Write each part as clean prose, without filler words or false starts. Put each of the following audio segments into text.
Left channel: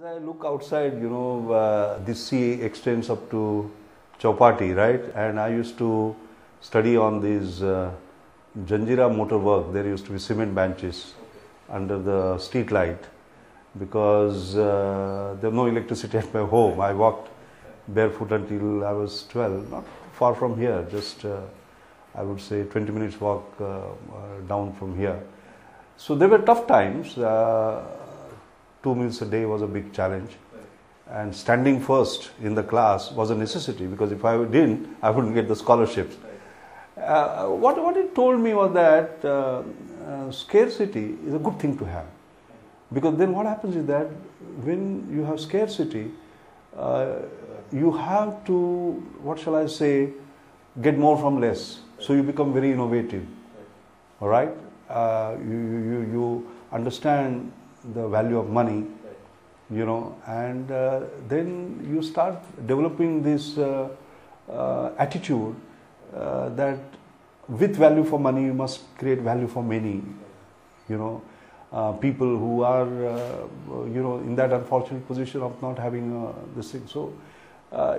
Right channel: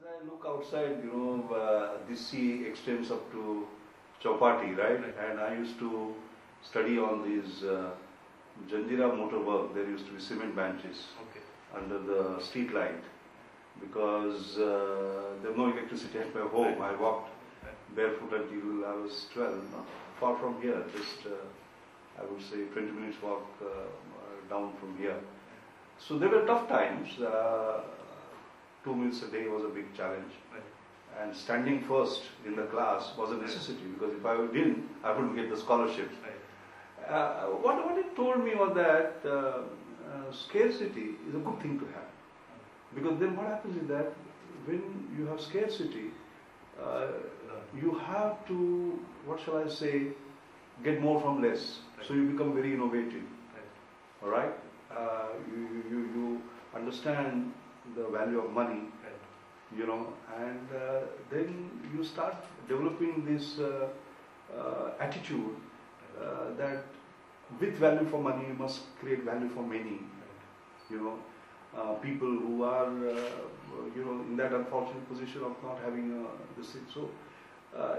As I look outside, this sea extends up to Chowpatty, right? And I used to study on these Janjira motor work. There used to be cement benches under the street light because there was no electricity at my home. I walked barefoot until I was 12, not far from here, just I would say 20 minutes walk down from here. So there were tough times. 2 meals a day was a big challenge, and standing first in the class was a necessity because if I didn't, I wouldn't get the scholarships. What it told me was that scarcity is a good thing to have, because then what happens is that when you have scarcity, you have to, what shall I say, get more from less. So you become very innovative. All right, you understand the value of money, and then you start developing this attitude that with value for money you must create value for many, people who are in that unfortunate position of not having this thing. So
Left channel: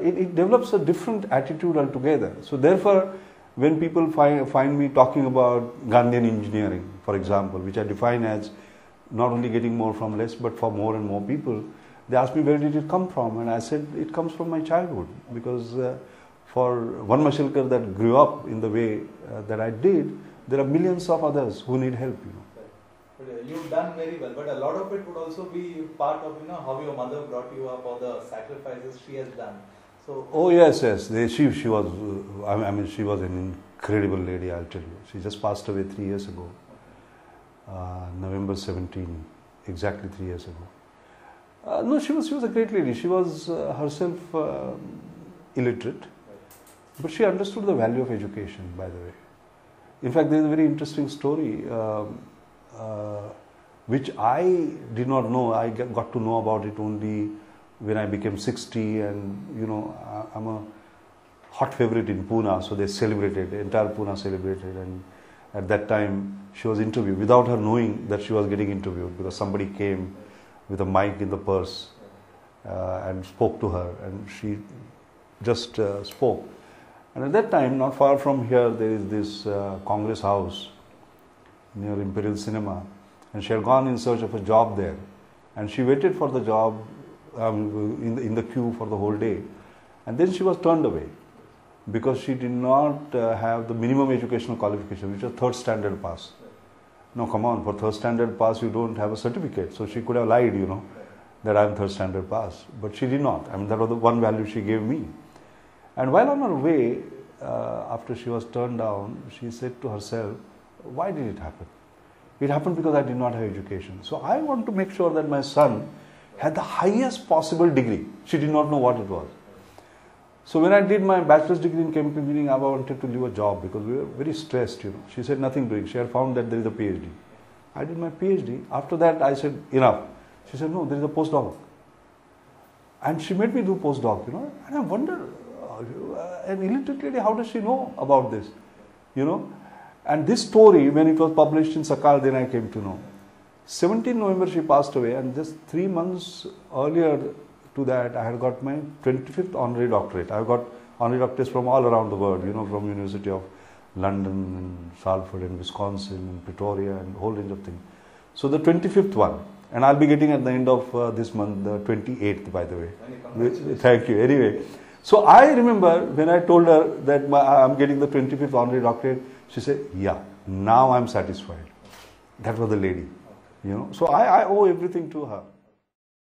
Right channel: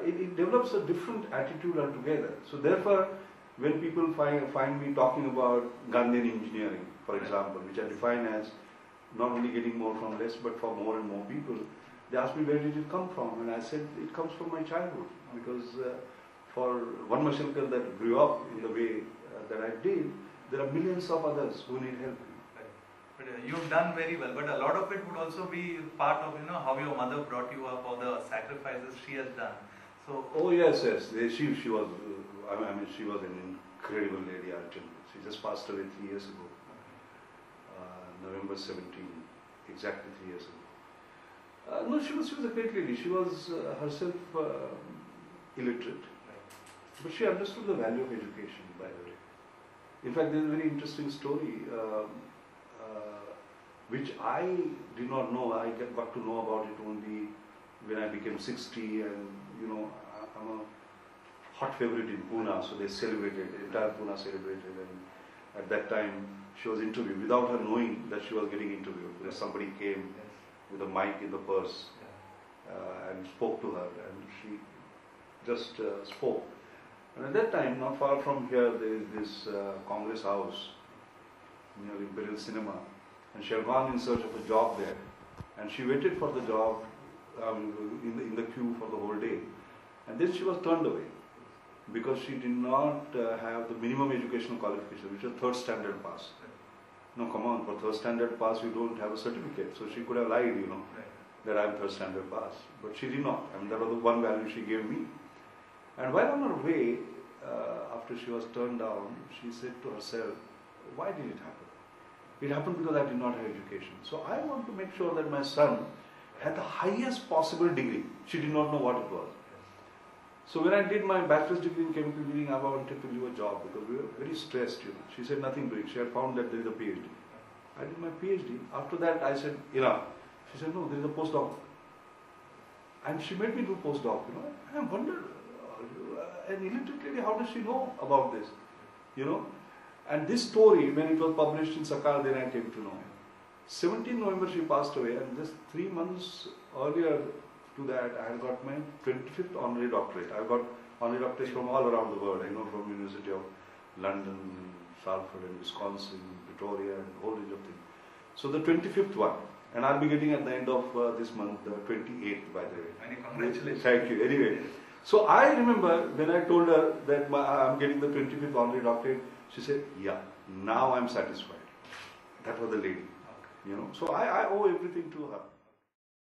it develops a different attitude altogether. So therefore, when people find me talking about Gandhian engineering, for example, which I define as not only getting more from less, but for more and more people, they ask me, where did it come from? And I said, it comes from my childhood, because for one Mashelkar that grew up in the way that I did, there are millions of others who need help. But you've done very well, but a lot of it would also be part of how your mother brought you up, or the sacrifices she has done. So oh yes, she was. I mean, she was an incredible lady. I'll tell you. She just passed away 3 years ago. November 17, exactly 3 years ago. No, she was a great lady. She was herself illiterate, but she understood the value of education, by the way. In fact, there is a very interesting story which I did not know. I got to know about it only when I became 60, and I'm a hot favorite in Pune, so they celebrated, entire Pune celebrated, and at that time she was interviewed without her knowing that she was getting interviewed, because somebody came with a mic in the purse and spoke to her, and she just spoke. And at that time, not far from here, there is this Congress house near Imperial Cinema, and she had gone in search of a job there, and she waited for the job in the queue for the whole day, and then she was turned away because she did not have the minimum educational qualification, which was 3rd standard pass. No, come on, for 3rd standard pass you don't have a certificate, so she could have lied, that I'm 3rd standard pass, but she did not. I mean, that was the one value she gave me. And while on her way, after she was turned down, she said to herself, why did it happen? It happened because I did not have education. So I want to make sure that my son had the highest possible degree. She did not know what it was. So when I did my bachelor's degree in chemical engineering, I wanted to leave a job because we were very stressed. She said nothing doing. She had found that there is a PhD. I did my PhD. After that, I said enough. She said no, there is a postdoc, and she made me do postdoc. And I wonder, an illiterate lady, how does she know about this? And this story, when it was published in Sakal, then I came to know. 17 November she passed away, and just 3 months earlier to that, I had got my 25th honorary doctorate. I got honorary doctorates from all around the world, from University of London, and Salford, and Wisconsin, and Pretoria, and a whole range of things. So the 25th one, and I'll be getting at the end of this month, the 28th, by the way. Many congratulations. Thank you. Anyway, so I remember when I told her that I'm getting the 25th honorary doctorate, she said, yeah, now I'm satisfied. That was the lady, So I owe everything to her.